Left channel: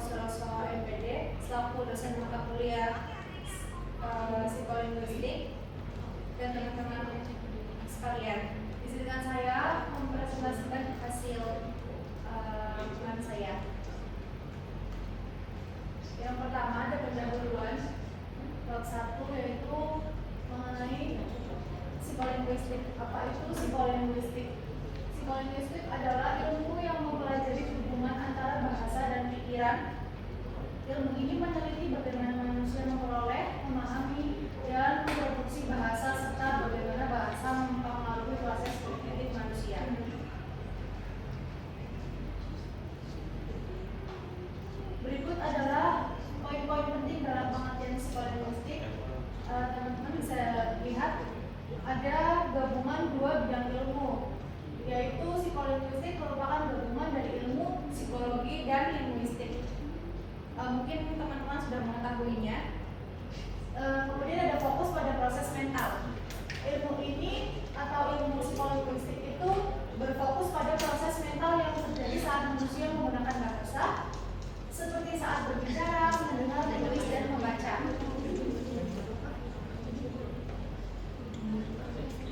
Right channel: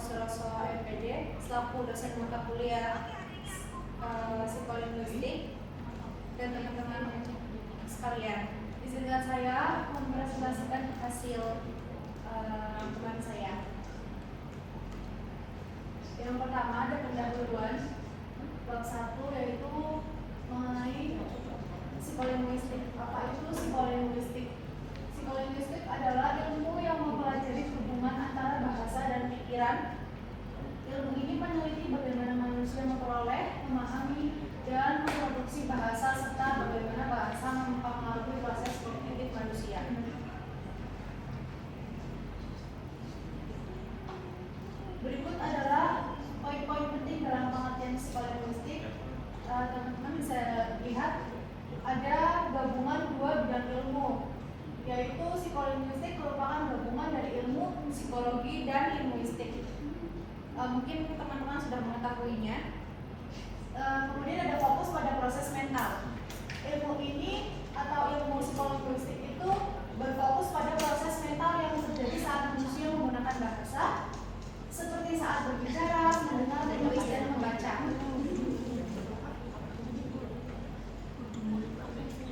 Suroso MPD selaku dosen mata kuliah psikolinguistik dan teman-teman sekalian. Izinkan saya mempresentasikan hasil rangkuman saya. Yang pertama ada pendahuluan bab 1 yaitu mengenai psikolinguistik. Apa itu psikolinguistik? Psikolinguistik adalah ilmu yang mempelajari hubungan antara bahasa dan pikiran. Ilmu ini meneliti bagaimana manusia memperoleh, memahami, dan memproduksi bahasa serta bagaimana bahasa mempengaruhi proses kognitif manusia. Berikut adalah poin-poin penting dalam pengertian psikolinguistik. Teman-teman bisa lihat ada gabungan dua bidang ilmu, yaitu psikolinguistik merupakan gabungan dari ilmu psikologi dan linguistik. Mungkin teman-teman sudah mengetahuinya. Kemudian ada fokus pada proses mental. Ilmu ini atau ilmu psikolinguistik itu berfokus pada proses mental yang terjadi saat manusia menggunakan bahasa, seperti saat berbicara, mendengar, menulis, dan membaca.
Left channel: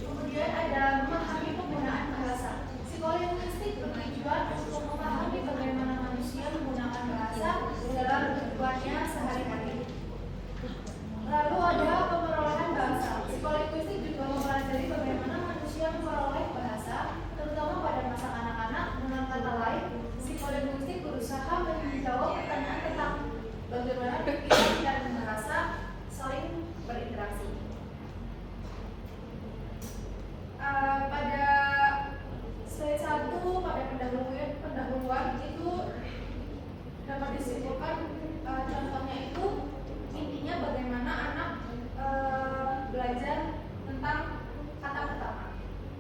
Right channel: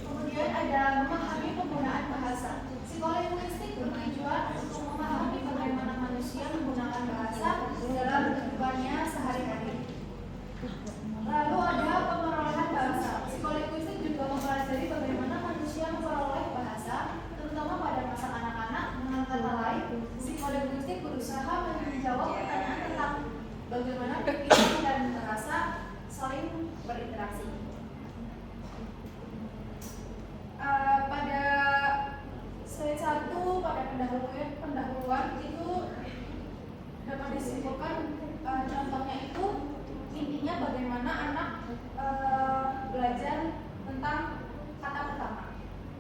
Kemudian ada memahami penggunaan bahasa. Psikolinguistik bertujuan untuk memahami bagaimana manusia menggunakan bahasa dalam kehidupannya sehari-hari. Lalu ada pemerolehan bahasa. Psikolinguistik juga mempelajari bagaimana manusia memperoleh bahasa, terutama pada masa anak-anak. Dengan kata lain, psikolinguistik berusaha menjawab pertanyaan tentang bagaimana pikiran dan bahasa saling berinteraksi. Pada slide 1 pada pendahuluan itu dapat disimpulkan contohnya itu intinya bagaimana anak belajar tentang kata pertama.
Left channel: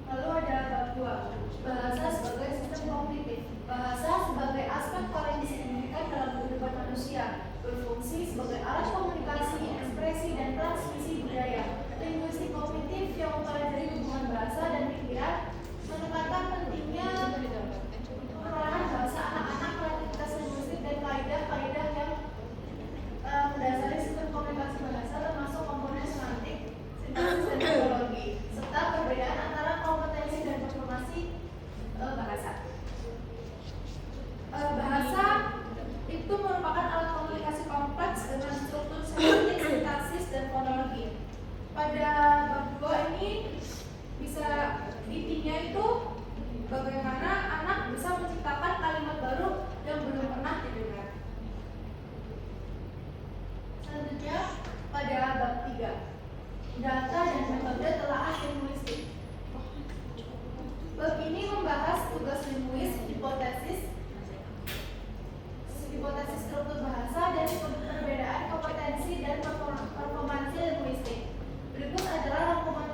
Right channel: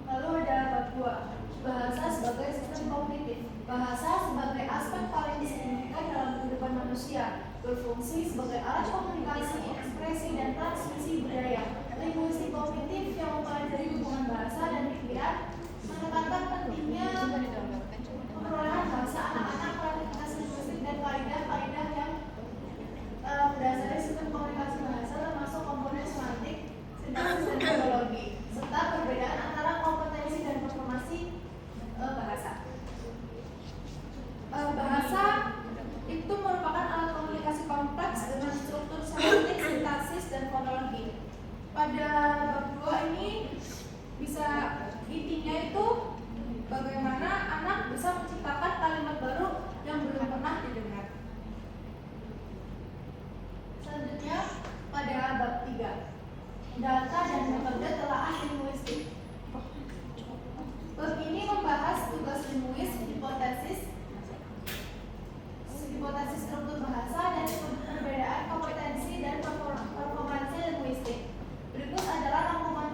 Lalu ada bab 2, bahasa sebagai sistem kognitif. Bahasa sebagai aspek paling signifikan dalam kehidupan manusia, berfungsi sebagai alat komunikasi, ekspresi, dan transmisi budaya. Linguistik kognitif yang mempelajari hubungan bahasa dan pikiran menekankan pentingnya perolehan bahasa anak-anak, praktikasi linguistik, dan kaidah-kaidah yang mendasari sistem komunikasi bahasa, termasuk komponen semantik, sintaksis, dan metodologi, serta perbedaan antara kompetensi dan performasi bahasa. Bahasa itu merupakan alat komunikasi kompleks dengan struktur semantik, sintaksis, dan fonologi. Pada bab 2 ini bisa intinya itu bagaimana anak bisa menciptakan kalimat baru yang belum pernah didengar. Selanjutnya pada bab 3, data dan metode telaah linguistik. Bab ini membahas tugas linguis, hipotesis struktur bahasa, dan perbedaan kompetensi dan performansi linguistik. Berikut adalah rangkuman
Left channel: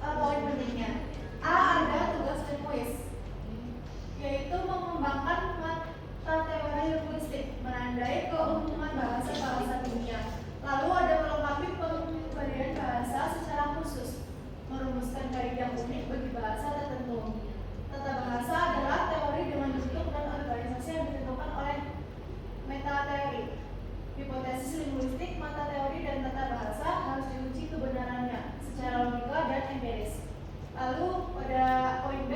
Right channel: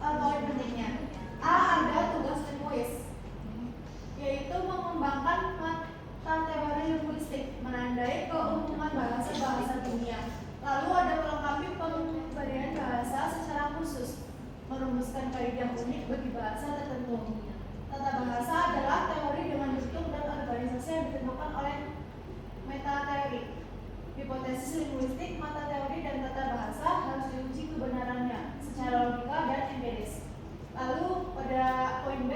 poin pentingnya. A. Ada tugas linguis, yaitu mengembangkan mata teori linguistik, menandai keumuman bahasa-bahasa dunia. Lalu ada melengkapi pemberian bahasa secara khusus, merumuskan kaidah unik bagi bahasa tertentu. Tata bahasa adalah teori dengan bentuk dan organisasi yang ditentukan oleh metateori. Hipotesis linguistik, mata teori dan tata bahasa harus diuji kebenarannya secara logika dan empiris. Lalu pada poin B,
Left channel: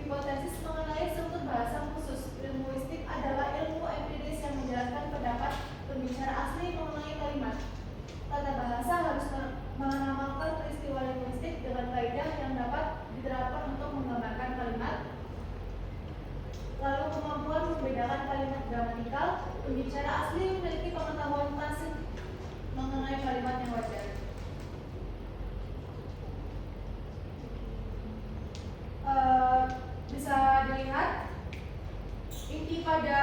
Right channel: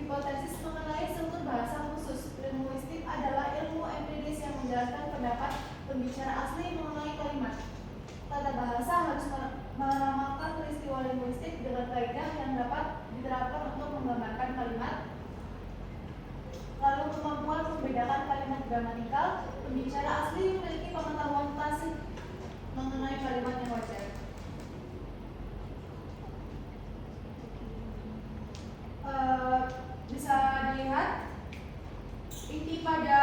hipotesis mengenai struktur bahasa khusus. Linguistik adalah ilmu empiris yang menjelaskan pendapat pembicara asli mengenai kalimat. Tata bahasa harus menamakan peristiwa linguistik dengan kaidah yang dapat diterapkan untuk menggambarkan kalimat. Lalu kemampuan membedakan kalimat gramatikal. Pembicara asli memiliki pengetahuan tacit mengenai kalimat yang wajar. Bisa dilihat inti pada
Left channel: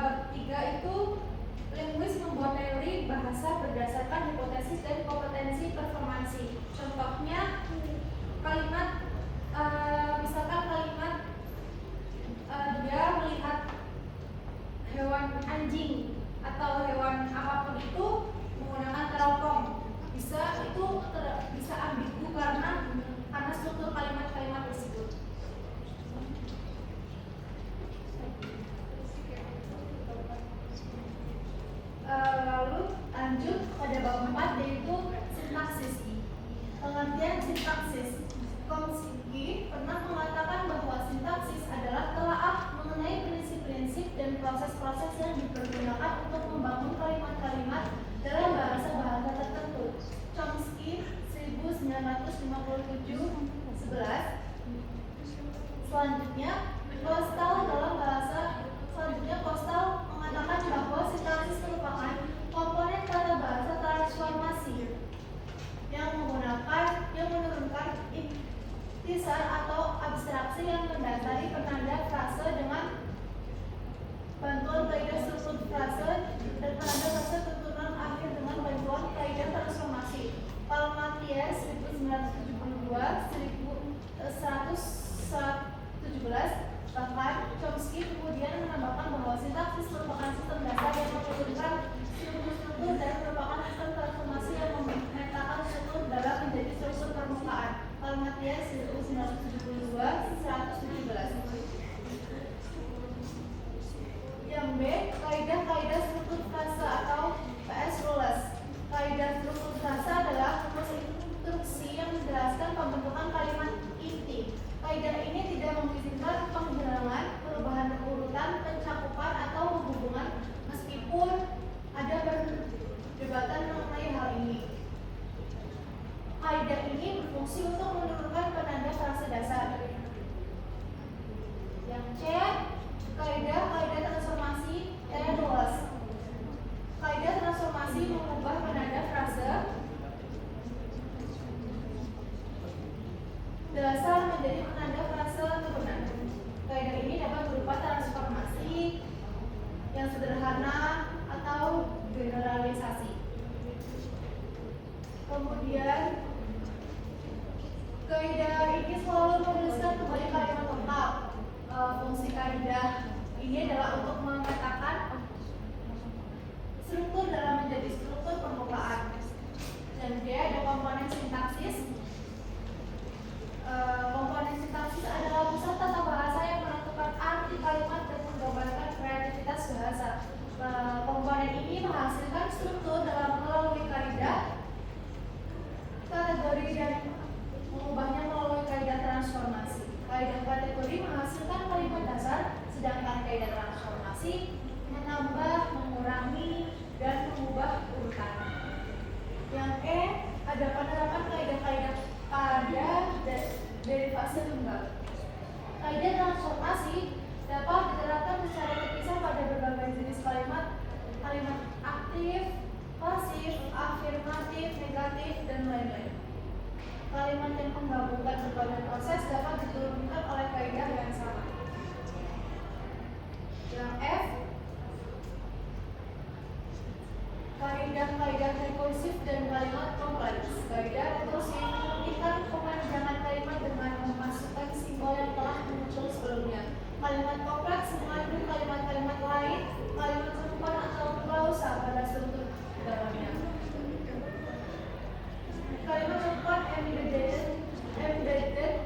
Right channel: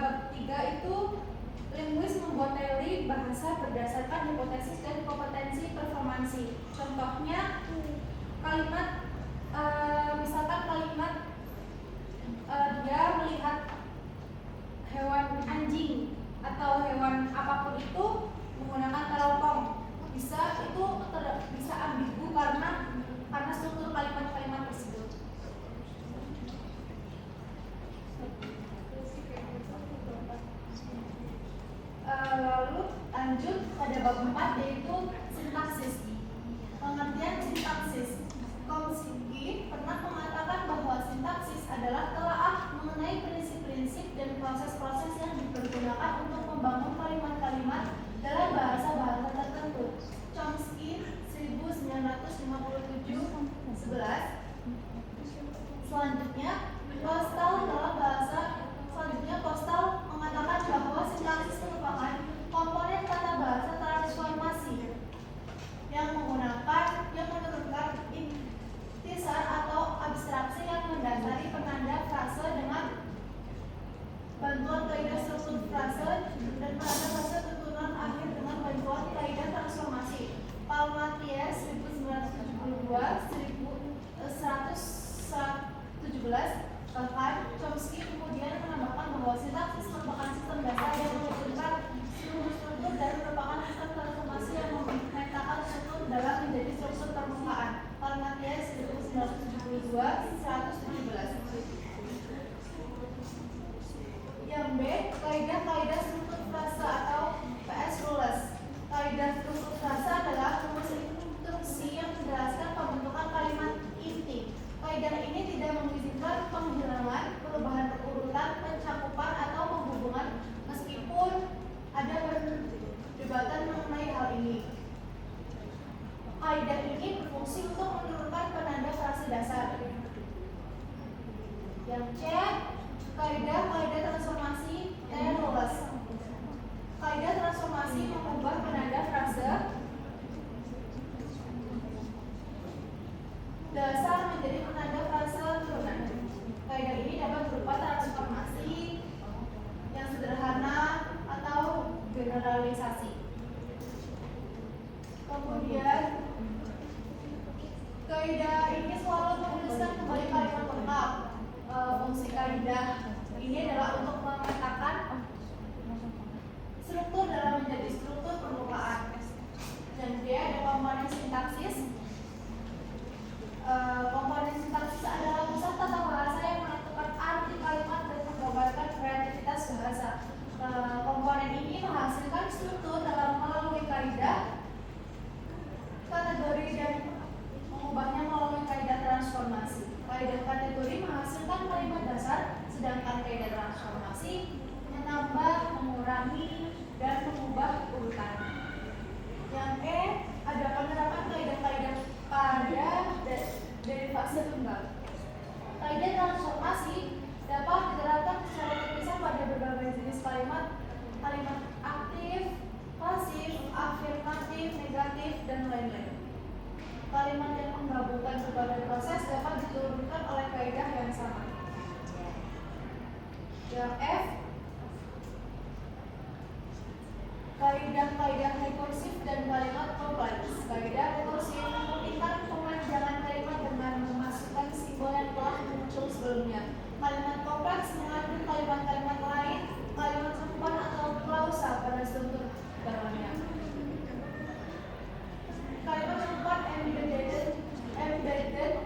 bab 3 itu linguis membuat teori bahasa berdasarkan hipotesis dan kompetensi performansi. Contohnya kalimat misalkan kalimat dia melihat hewan anjing atau hewan apapun itu menggunakan teropong, bisa ambigu karena struktur kalimat-kalimat tersebut. Selanjutnya, Postal mengatakan bahwa sintaksis merupakan komponen tata bahasa transformasi yang menurunkan intisar atau abstraksi yang mendasari penanda frase dengan bantuan kaidah struktur frase dan penanda frase tuturan akhir dengan bantuan kaidah transformasi. Karl Matthias 1972-1117, bahkan Chomsky kemudian menambahkan bahwa sintaksis merupakan sistem dasar yang menurunkan struktur dan merupakan sistem transformasi yang memetakan struktur dalam menjadi struktur permukaan. Karl Matthias 1972-1117. Yang B, kaidah struktur frasa atau PS rules. Kaidah struktur frasa adalah rumus instruksi yang menjelaskan pembentukan kalimat inti. Kaidah ini tidak mengizinkan penghilangan, perubahan urutan, pencakupan atau penghubungan, meskipun ada perdebatan mengenai hal ini. Kaidah ini berfungsi untuk menurunkan penanda frase dasar. Yang C, kaidah transformasi rules. Kaidah transformasi mengubah penanda frase dasar menjadi penanda frase turunan. Kaidah ini dapat berupa transformasi yang sederhana atau generalisasi. Kemudian kaidah ini selalu menuliskan kembali kalimat lengkap. Fungsi kaidah ini adalah untuk memetakan struktur dalam menjadi struktur permukaan. Dan dia ada komponen sintaksis. Komponen sintaksis adalah pusat tata bahasa yang menentukan arti kalimat dan menggambarkan kreativitas bahasa. Komponen ini menghasilkan struktur dalam melalui kaidah, kategori, dan mengubahnya melalui kaidah transformasi. Kaidah kategori menghasilkan kalimat dasar, sedangkan kaidah transformasi menambah, mengurangi, dan mengubah urutan. Yang E, ada penerapan kaidah-kaidah pada derivasi tunggal. Kaidah transformasi dapat diterapkan secara terpisah pada berbagai jenis kalimat aktif, pasif, afirmatif, negatif, dan lain-lain. Kalimat yang menggabungkan berbagai proses dapat diturunkan oleh kaidah yang sama. Yang F, kaidah rekursif dan kalimat kompleks. Kaidah rekursif memungkinkan pemanjangan kalimat dengan memasukkan simbol yang telah muncul sebelumnya. Kalimat kompleks mengandung kalimat-kalimat lain, kalimat serupan atau klausa pada struktur dalamnya. Kalimat serupan embedded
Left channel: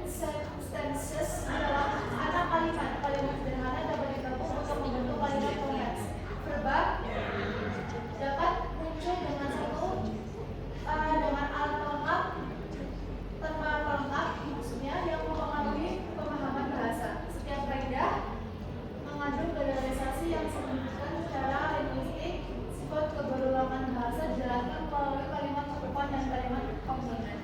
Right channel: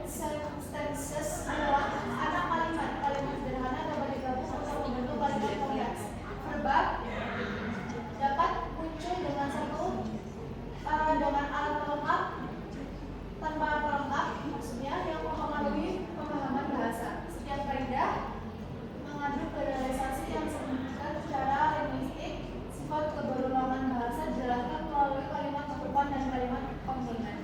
sentences adalah anak kalimat. Kalimat sederhana dapat digabung untuk membentuk kalimat kompleks. Verb dapat muncul dengan dengan alat pelengkap, tanpa alat pelengkap, maksudnya yang mempengaruhi pemahaman bahasa. Setiap kaidah mengandung generalisasi yang signifikan secara linguistik. Sifat keberulangan bahasa dijelaskan melalui kalimat cakupan dan kalimat komplement.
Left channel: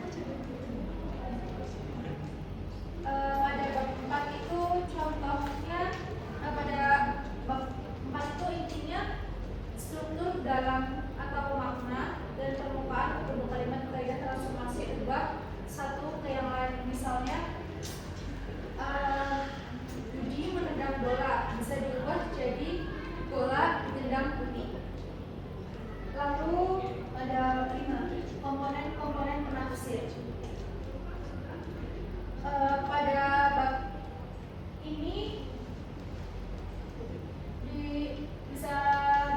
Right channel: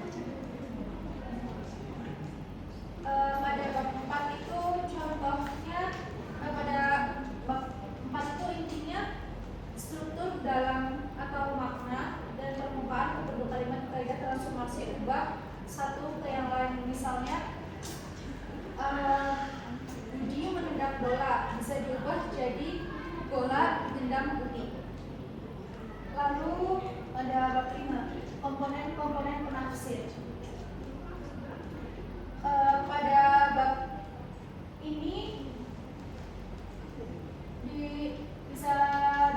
Pada bab 4 itu contohnya, pada bab 4 itu intinya struktur dalam atau makna dan permukaan untuk kalimat kaidah transformasi ubah satu ke yang lain. Misalnya Budi menendang bola bisa diubah jadi bola dendam putih. Lalu ada bab 5, komponen penafsir. Pada bab ini bisa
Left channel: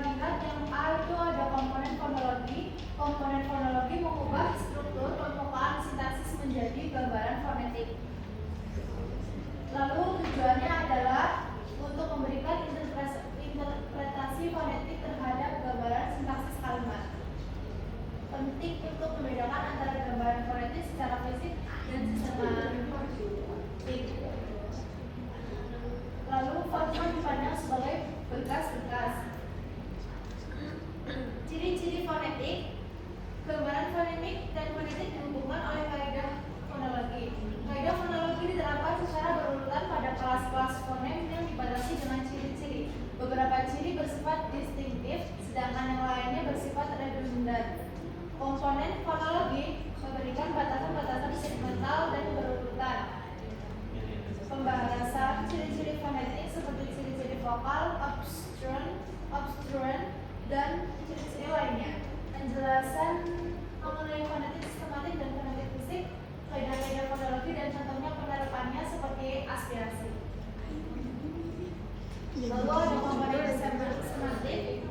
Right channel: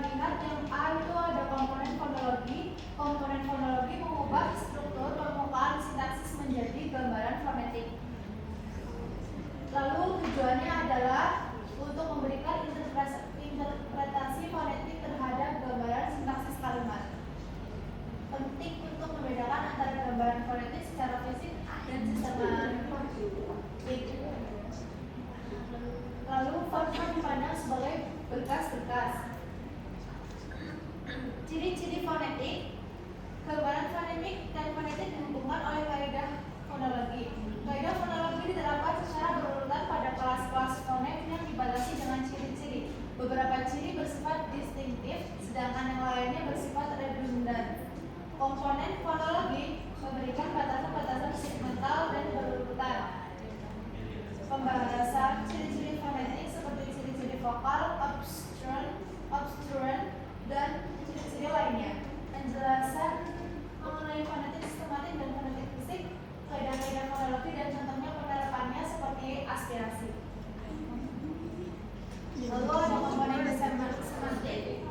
dilihat yang A itu ada komponen fonologi. Komponen fonologi mengubah struktur permukaan sintaksis menjadi gambaran fonetik. Lalu tujuannya adalah untuk memberikan interpretasi fonetik terhadap gambaran sintaksis kalimat. Penting untuk membedakan antara gambaran fonetik secara fisik dan secara linguistik. Lalu font dipandang sebagai berkas-berkas. Ciri-ciri fonetik. Gambaran fonetik dan fonetik dihubungkan oleh kaidah fonologi. Kaidah fonologi diterapkan secara berurutan pada Komponen fonologi memberikan batasan-batasan segmental dan berurutan. Pembahasan ciri-ciri fonetik seperti ciri-ciri vokal, obstruent, dan ciri-ciri lainnya. Penjelasan mengenai fonetik sistematik dan fonetik fisik, kaidah-kaidah fonologi dan contohnya penerapannya seperti aspirasi. Lalu ada komponen semantik.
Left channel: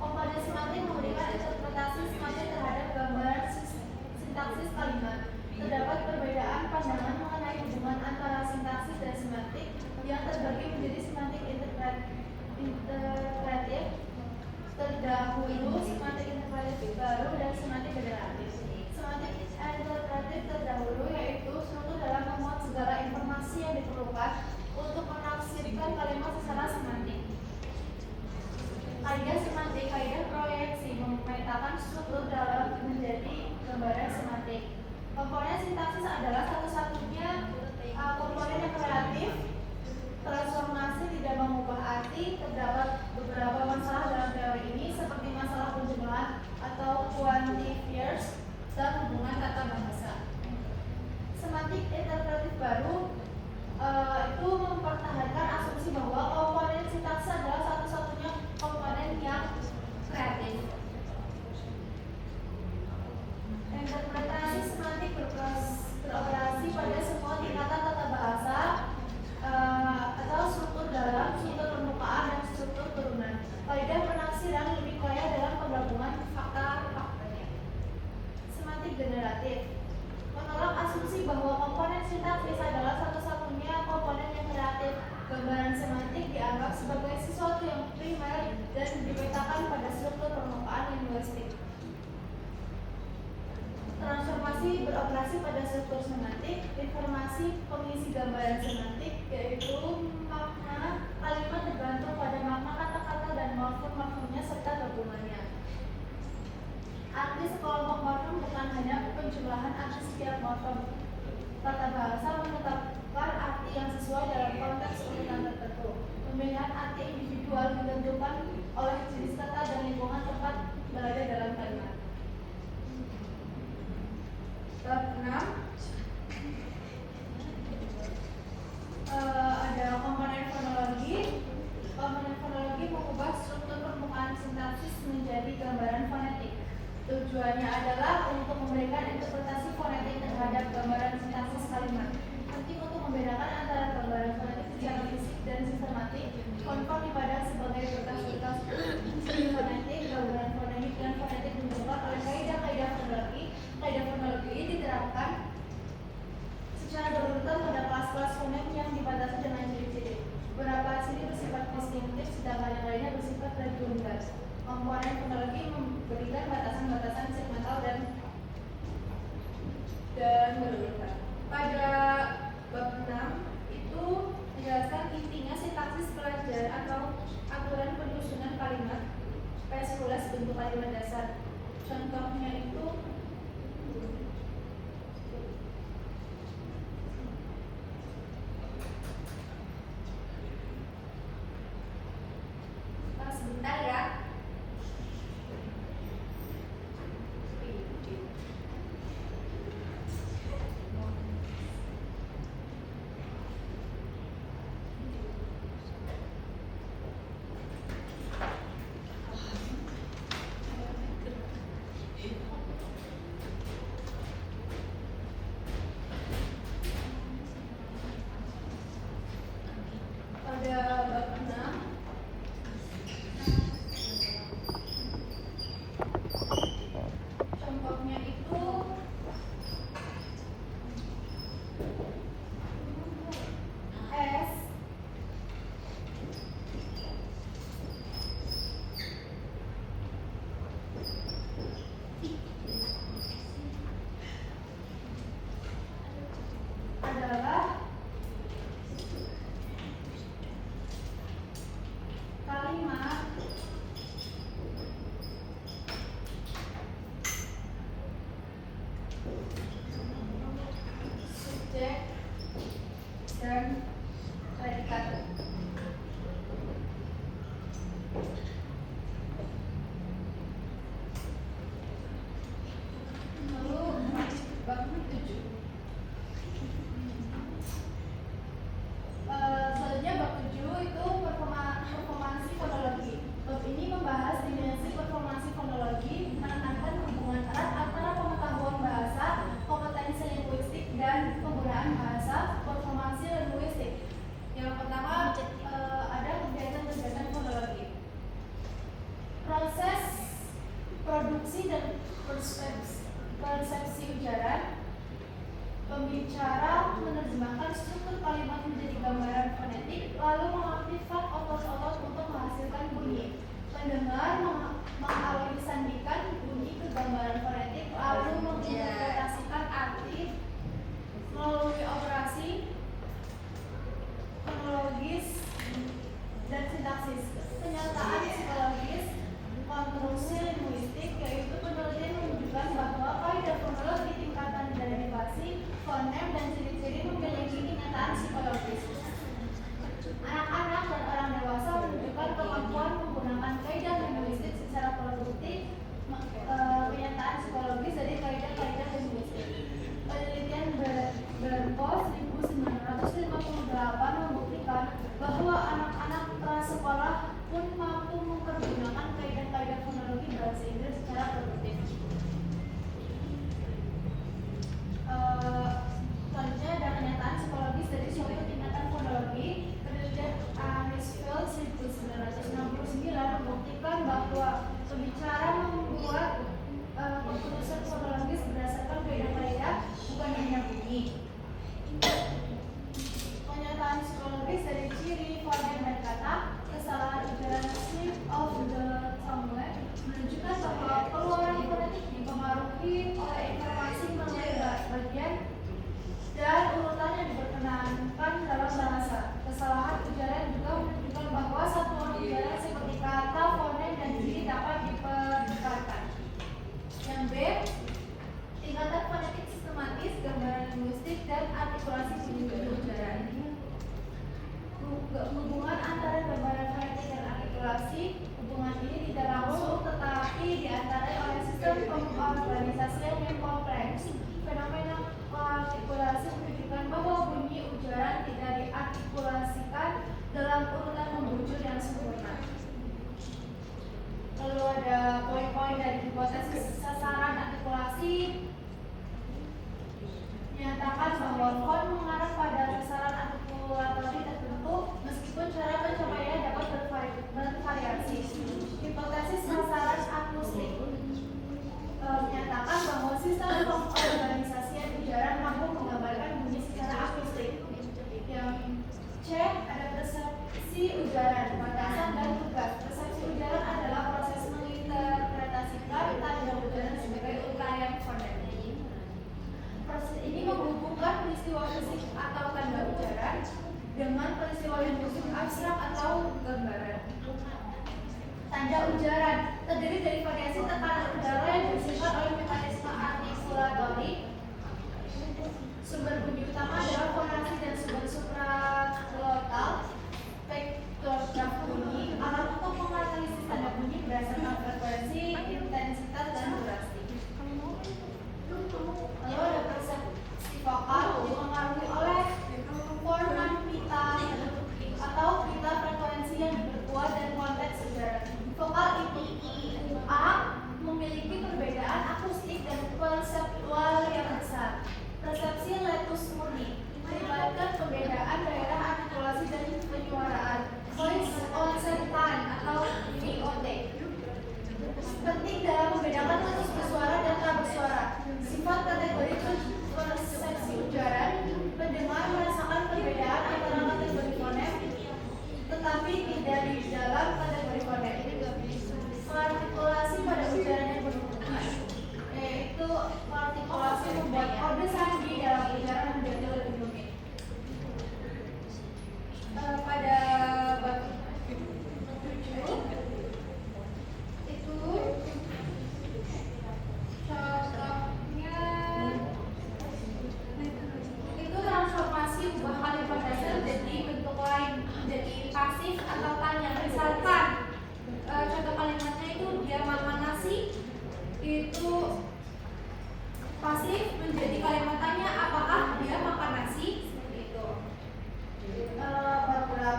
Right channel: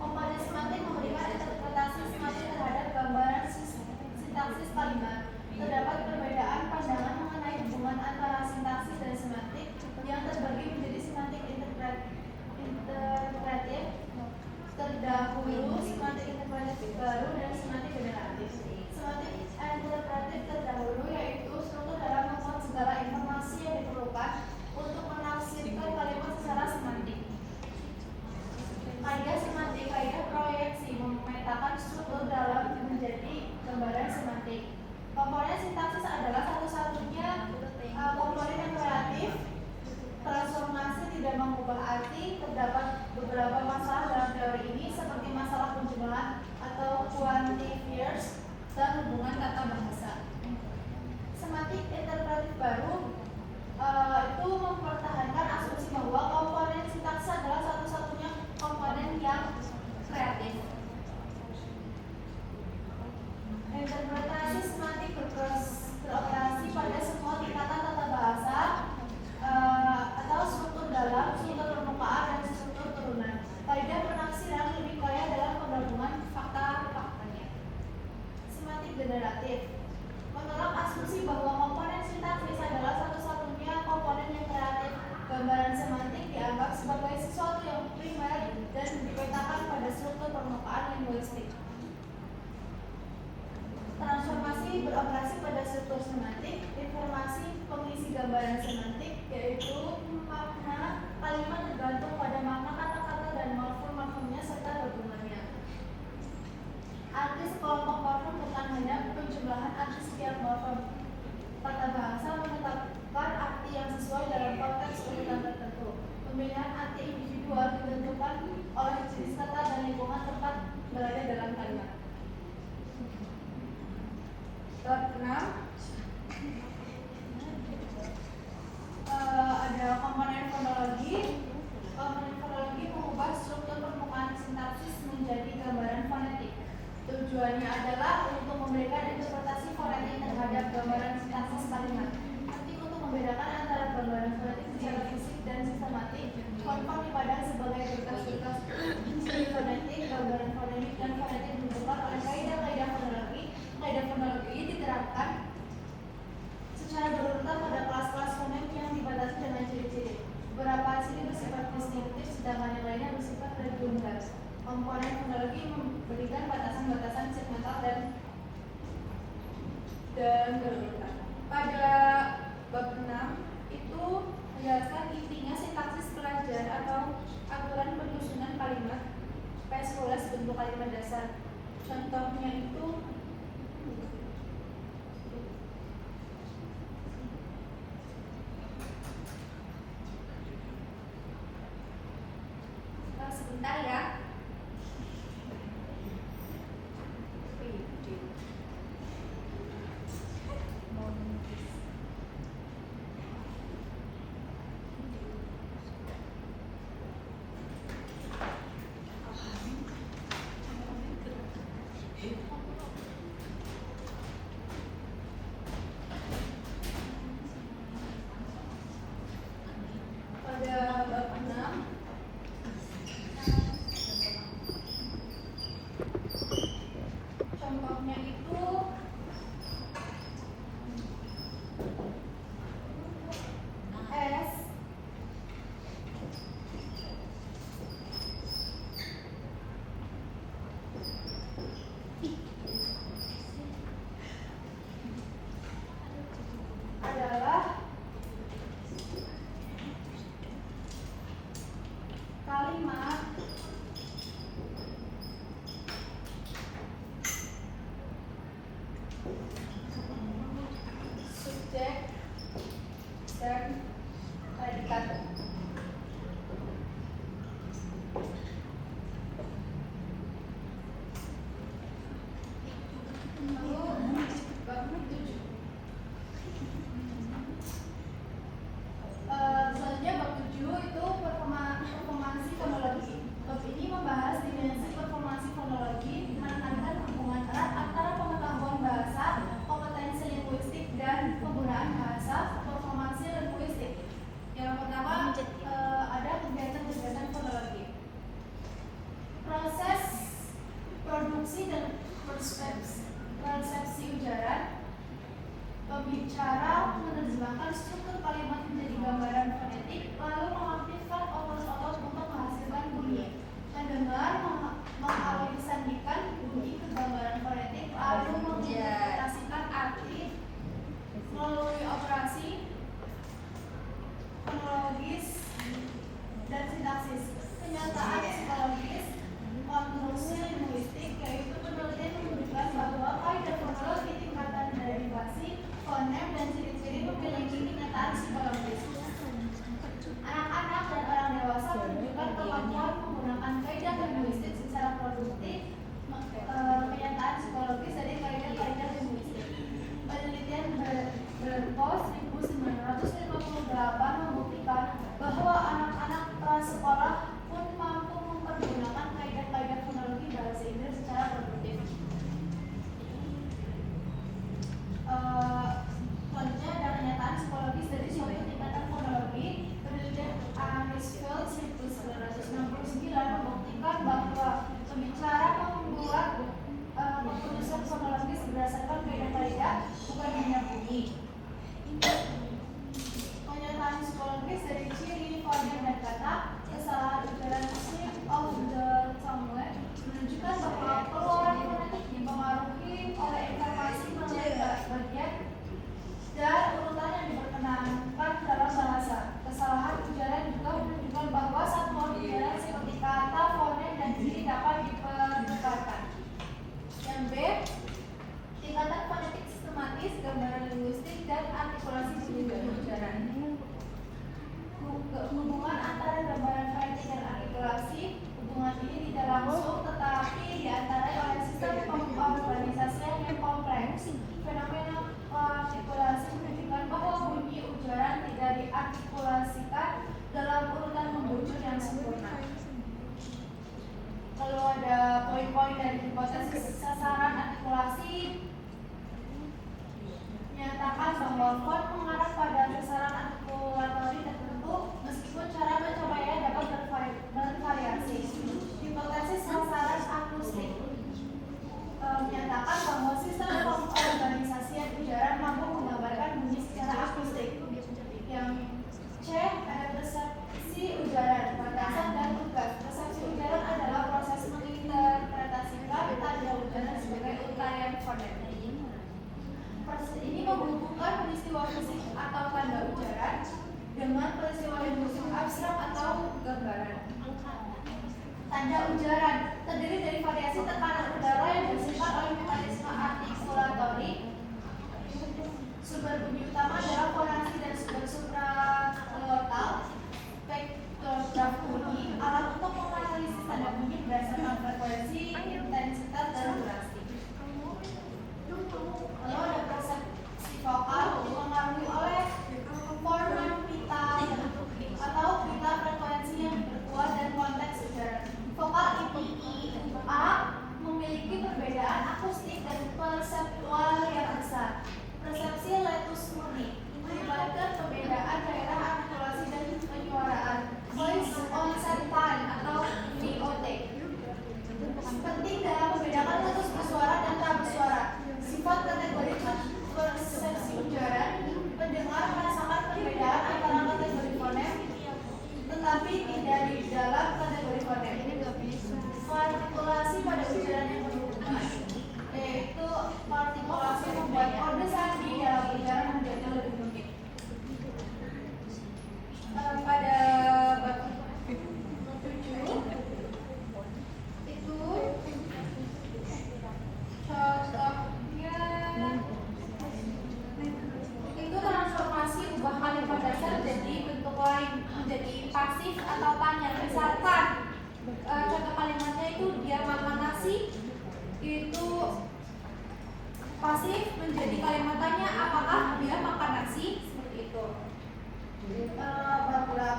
Komponen semantik memberikan interpretasi semantik terhadap gambaran sintaksis kalimat. Terdapat perbedaan pandangan mengenai hubungan antara sintaksis dan semantik yang terbagi menjadi semantik interpretatif terdahulu, semantik interpretatif baru, dan semantik generatif. Semantik interpretatif terdahulu yaitu struktur dalam memuat segala informasi yang diperlukan untuk menafsirkan kalimat secara semantik. Kaidah semantik, kaidah proyeksi memetakan struktur dalam menjadi gambaran semantik. Komponen sintaksis adalah satu-satunya komponen yang kreatif. Transformasi tidak mengubah arti. Terdapat beberapa masalah dalam teori ini seperti masalah penjumlahan atau quantifiers dan hubungan kata bahasa. Semantik interpretatif baru itu mempertahankan asumsi bahwa komponen sintaksis adalah satu-satunya komponen yang kreatif. Interpretasi semantik beroperasi pada semua tingkatan tata bahasa atau struktur dalam, struktur permukaan, dan struktur turunan. Kaidah penafsiran lebih kaya dalam penggabungan fakta-faktanya. Semantik generatif menolak asumsi bahwa komponen sintaksis adalah satu-satunya komponen yang kreatif. Gambaran semantik dianggap sebagai sesuatu yang primer dan dipetakan pada struktur permukaan linguistik. Transformasi beroperasi pada struktur semantik. Informasi pengisi gambaran semantik yaitu makna kalimat tergantung pada makna kata-kata dan morfem-morfemnya serta gabungannya. Arti sekelompok morfem bukan hanya penjumlahan arti setiap morfem. Tata bahasa menetapkan arti yang sesuai dalam konteks urutan tertentu. Pemilihan arti individual ditentukan oleh jenis kata dan lingkungan tempat berada dalam kalimat. Bab 6 ada komponen fonologi. Komponen fonologi mengubah struktur permukaan sintaksis menjadi gambaran fonetik. Tujuannya adalah untuk memberikan interpretasi fonetik terhadap gambaran sintaksis kalimat. Penting untuk membedakan antara gambaran fonetik secara fisik dan sistematik. Konfon dipandang sebagai berkas-berkas fonetik, gambaran fonemik, dan fonetik dibentukkan oleh kaidah-kaidah fonologi. Kaidah fonologi diterapkan secara berurutan pada kelas-kelas fonem yang dibatasi dengan ciri-ciri. Beberapa ciri bersifat distinktif, sedangkan yang lainnya bersifat redundan. Komponen fonologi memberikan batasan-batasan segmental dan berurutan. Pada bab 6 itu menjelaskan intinya sintaksis pelajar atau aturan penyusunan kalimat PS11 bentuk kalimat dasar. Contohnya itu sebentar ya. Pernyataan psikologis konstruksi linguistik, yaitu penelitian menunjukkan bahwa kaidah fonologi tingkatan derivasi, fonem, dan ciri-ciri memiliki kenyataan psikologis. Anak-anak dan orang dewasa menunjukkan kemampuan menggunakan kaidah linguistik secara produktif, kenyataan psikologis dari kaidah-kaidah linguistik. Penelitian Berkos 1958 membuktikan bahwa anak-anak prasekolah pun mampu mempergunakan kaidah-kaidah fonologi bahasa Inggris secara produktif. Selanjutnya ada kenyataan psikologis dari suatu tingkatan fonologi. Penelitian Anisfield 1969 membuktikan bahwa pembicara membuat keputusan fonologis berdasarkan kaidah-kaidah, bukan hanya bunyi. Kenyataan psikologis dari ciri, fonem, dan kata, kesalahan ucaran shape of the tongue menunjukkan bahwa keluaran fonetik dipengaruhi oleh informasi melalui bagian dan urutan yang diperkenankan dalam bahasa. Kesalahan ucaran juga menunjukkan bahwa satuan ucaran seperti kata, fonem, dan ciri dapat diperbicarkan. Yang B, tingkatan fonetik sistematis, gambaran linguistik, dan artikulasi bunyi ucaran. Hubungan antara gambaran fonetik dan artikulasi, hubungan ini tidak langsung tetapi diantarai oleh sistem pengorganisasian yang kompleks. Fenomena artikulasi menunjukkan bahwa bunyi ujaran tidak diartikulasikan dalam urutan membujur yang sempurna. Lalu ada poin-poin dari hipotesis sasaran artikulasi. Menyatakan bahwa font mengarah pada sasaran artikulatori tertentu meskipun cara mencapainya dapat bervariasi. Hipotesis sasaran akustik menyatakan bahwa sistem pengorganisasian ujaran mampu menggambarkan bunyi secara akustik. Yang C, ada persepsi ujaran, batasan, dan tugas. Persepsi ujaran adalah proses menginterpretasikan tanda ujaran sebagai untaian fonetik. Ini menghubungkan peristiwa fisik atau tanda ujaran dengan peristiwa linguistik abstrak atau gambaran. Tanda ujaran terdiri dari variasi tekanan udara yang dihasilkan oleh mekanisme artikulatori. Sumber bunyi utama adalah fonasi dan sumber supraglotal. Spektograf bunyi, alat untuk menganalisis tanda bunyi berdasarkan frekuensi, intensitas, dan durasi. Lalu ada persepsi vokal dipengaruhi oleh format pita atau pita frekuensi yang diperkuat dan konteks ujaran. Vokal IPA memiliki perbedaan akustik dan perseptual yang besar. Persepsi letus murni melibatkan perbedaan daerah artikulasi dan penyuaraan. Voice onset time atau VOT penting dalam membedakan letus bersuara dan tak bersuara. Sifat kategori persepsi ujaran, pendengar merasakan perbedaan antara kategori fonem tetapi tidak di dalam kategori fonem. Artikulasi pada ujaran yang berhubungan, yaitu artikulasi membuat kode sandi dalam ujaran menjadi lebih rumit. Pada bab 7 itu contohnya itu transformasi ubah kalimat dasar jadi bentuk lain, menjadi pasif atau tanya. Misalkan contoh kalimatnya itu dia makan nasi, itu pasif menjadi kalimat tanya, apakah dia makan nasi, seperti itu. Bab 8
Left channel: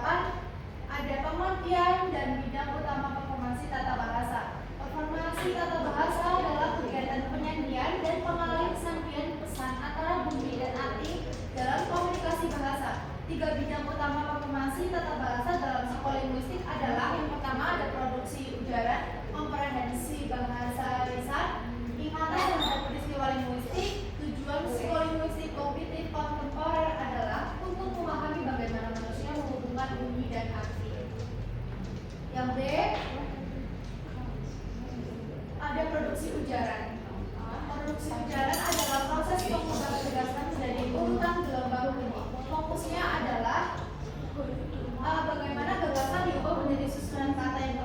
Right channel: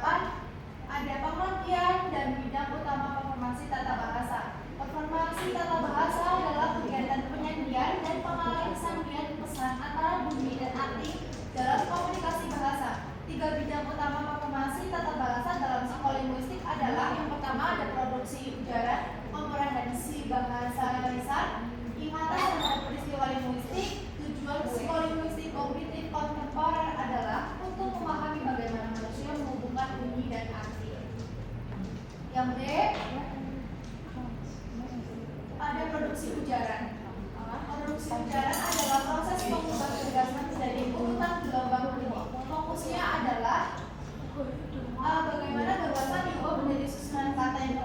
ada pengertian dan bidang utama performansi tata bahasa. Performansi tata bahasa adalah kegiatan penyandian dan pengalih sandian pesan antara bunyi dan arti dalam komunikasi bahasa. 3 bidang utama performansi tata bahasa dalam psikolinguistik adalah: yang pertama ada produksi ujaran, komprehensi bahasa lisan, ingatan terhadap peristiwa linguistik. Tujuan psikolinguistik kognitif kontemporer adalah untuk memahami bagaimana manusia menghubungkan bunyi dan arti. Yang B, ada produksi ujaran. Produksi ujaran adalah proses pengubatan gagasan menjadi urutan gelombang bunyi. Fokusnya adalah bagaimana gagasan diubah menjadi susunan kata yang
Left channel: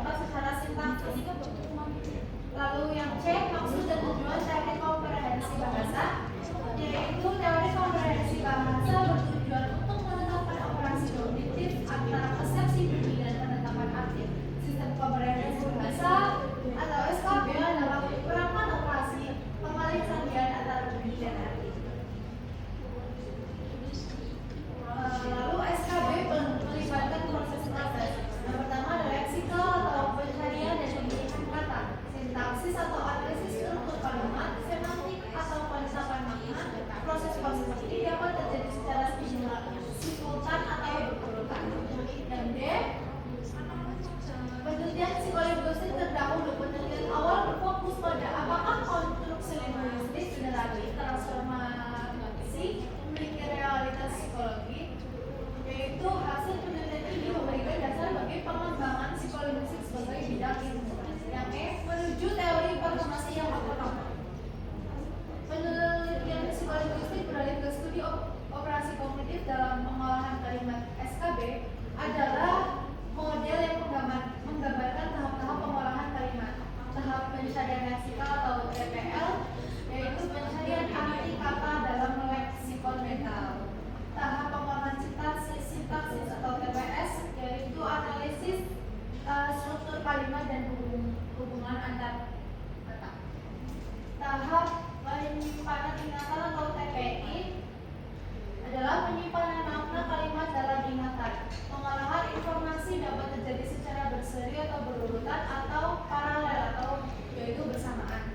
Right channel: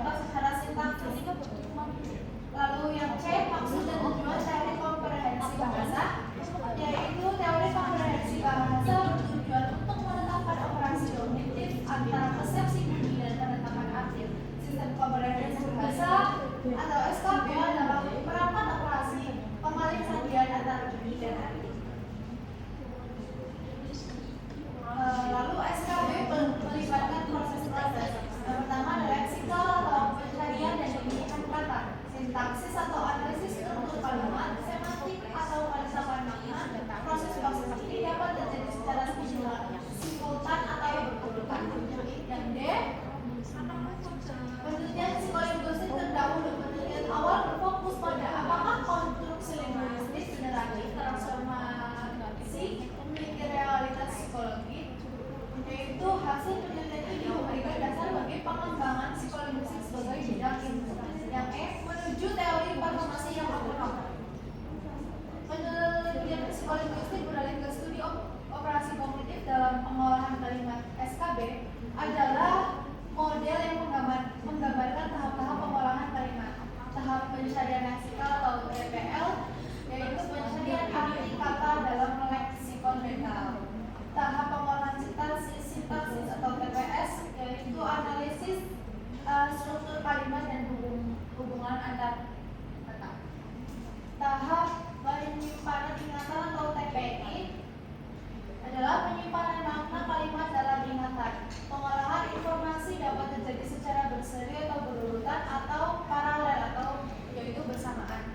terjadi secara berseri atau berurutan atau paralel atau yaitu bersamaan.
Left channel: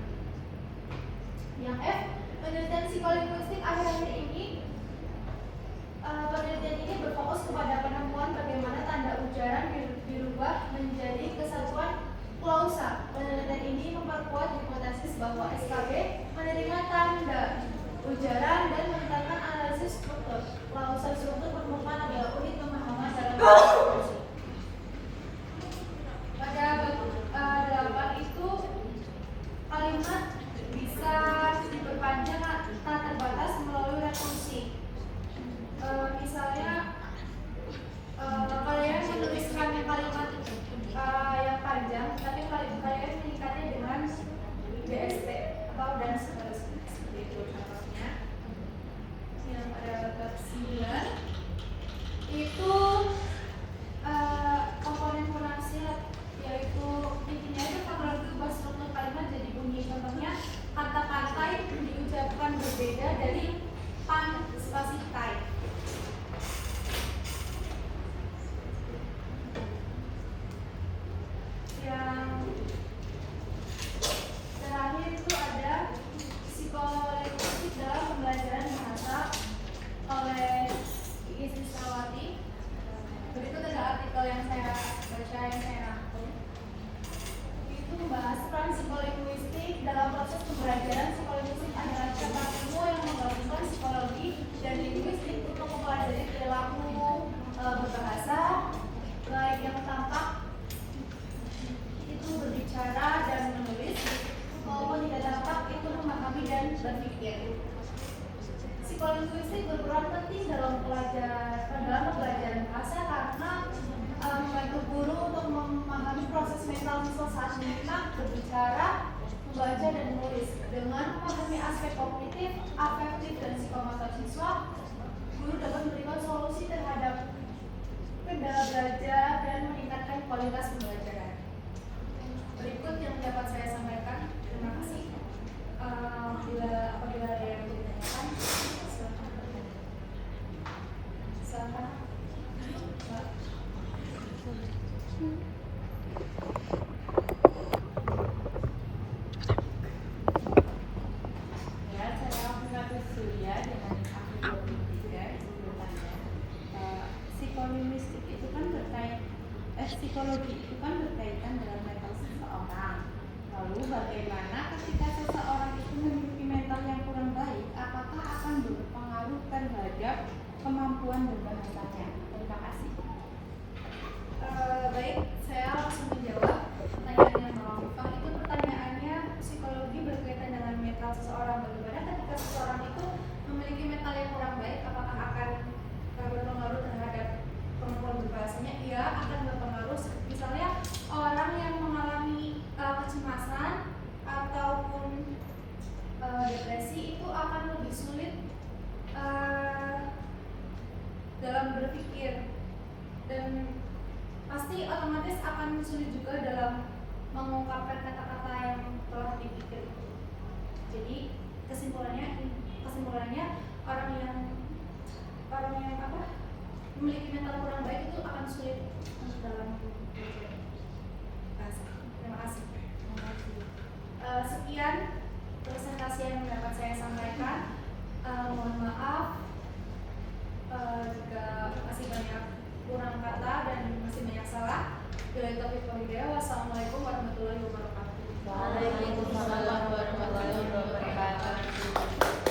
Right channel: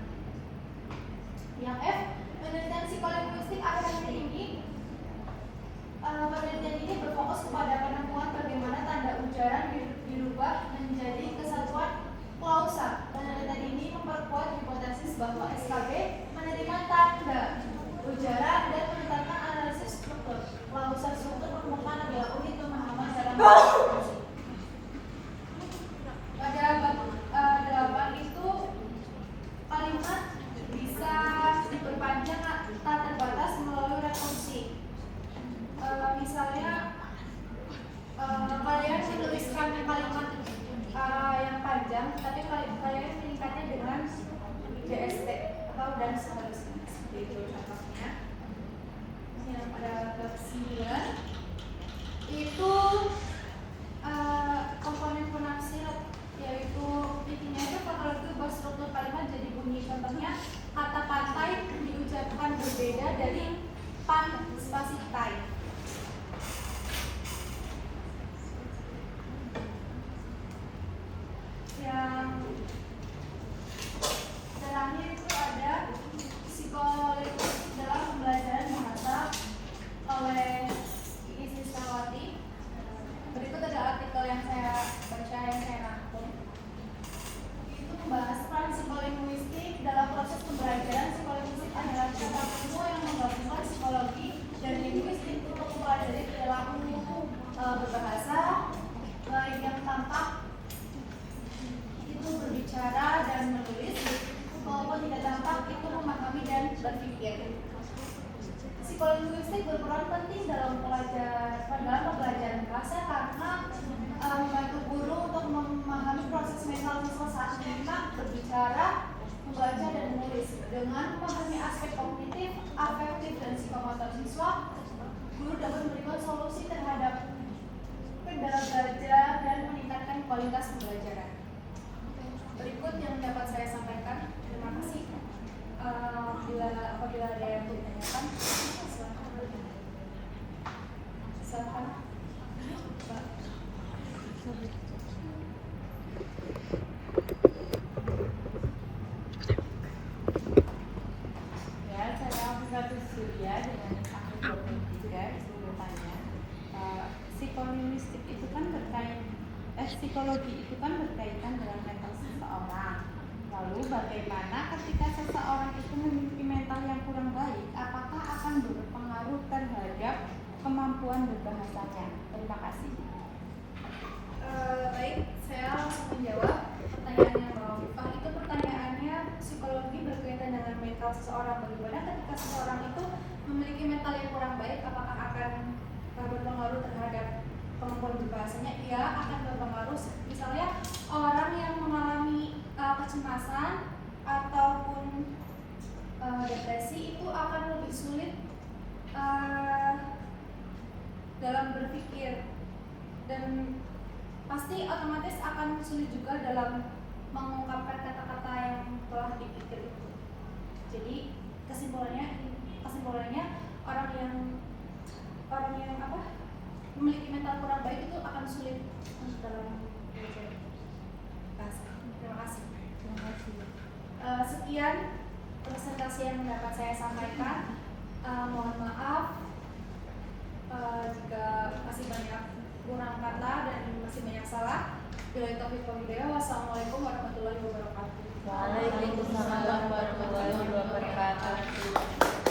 Yang F, penelitian psikolinguistik akhir-akhir ini penelitian ini berfokus kepada penemuan bagaimana tanda ujaran dirubah menjadi kesatuan klausa. Penelitian ini memperkuat hipotesis bahwa SKB menerima tanda ujaran dan menetapkan analisis struktur. Klausa struktur permukaan adalah unit pemahaman dalam komunikasi. Pada bab 8 itu kalimat bisa diperpanjang tak terbatas melalui rekursi. Misalnya kalian menuliskan kalimat yang panjang, tapi kalian meningkatnya dengan DST atau dan seterusnya. Seperti itu contohnya. Yang pada bab 9 itu komponen pronaksiat, yaitu intinya itu faktor ubah struktur kalimat jadi bunyi. Contohnya kata pantai diucapkan berbeda dari pan spasi tai. Yang terakhir itu ada psikolinguistik dalam pembelajaran bahasa oleh Iis Siswawati. Berikut ada artikel yang saya baca, yang saya rangkum. Itu membahas peran psikolinguistik dalam proses pembelajaran. Psikolinguistik adalah cabang ilmu yang menggabungkan psikologi dan linguistik untuk mempelajari perilaku berbahasa, baik yang tampak itu berbicara dan menulis, maupun tidak tampak itu memahami dan berpikir. Psikolinguistik berperan penting dalam pembelajaran bahasa karena membantu guru untuk memahami proses mental siswa saat menyimak, berbicara, membaca dan menulis. Dengan memahami aspek kognitif, afektif dan psikomotor siswa, guru dapat memberikan solusi terhadap kendala belajar dan meningkatkan kualitas pembelajaran. Berikut yang dapat saya sampaikan. Terima kasih. Apabila ada yang ditanyakan, silakan. Ya, saya Bukatu Surya dengan akhir 23 bertanya. Psikolinguistik itu kan psikologi itu kan berkaitan dengan mental seseorang. Lalu bagaimana ketika seseorang itu memiliki mental yang kurang baik, apakah akan berpengaruh terhadap kemampuan berbahasanya? Terima kasih. Baik, saya langsung menjawab pertanyaannya Mbak Mifah. Itu pertanyaannya psikologi berkaitan dengan mental seseorang. Bagaimana ketika seseorang itu memiliki mental yang kurang baik, apakah akan berpengaruh terhadap kemampuan berbahasanya? Iya, akan berpengaruh. Misalnya orang yang mengalami kecemasan ataupun depresi itu akan lebih sulit dalam berpikir, dan pasti otomatis akan sulit juga dalam mengungkapkan kata-kata yang telah dipikir itu. Jadi kesimpulannya orang yang memiliki mental kurang baik itu akan sulit dalam belajar bahasa. Terima kasih. Sekian presentasi yang dapat saya sampaikan. Mohon maaf jika masih banyak kurang kata dan masih banyak salah. Wassalamualaikum warahmatullahi wabarakatuh. Waalaikumsalam warahmatullahi wabarakatuh.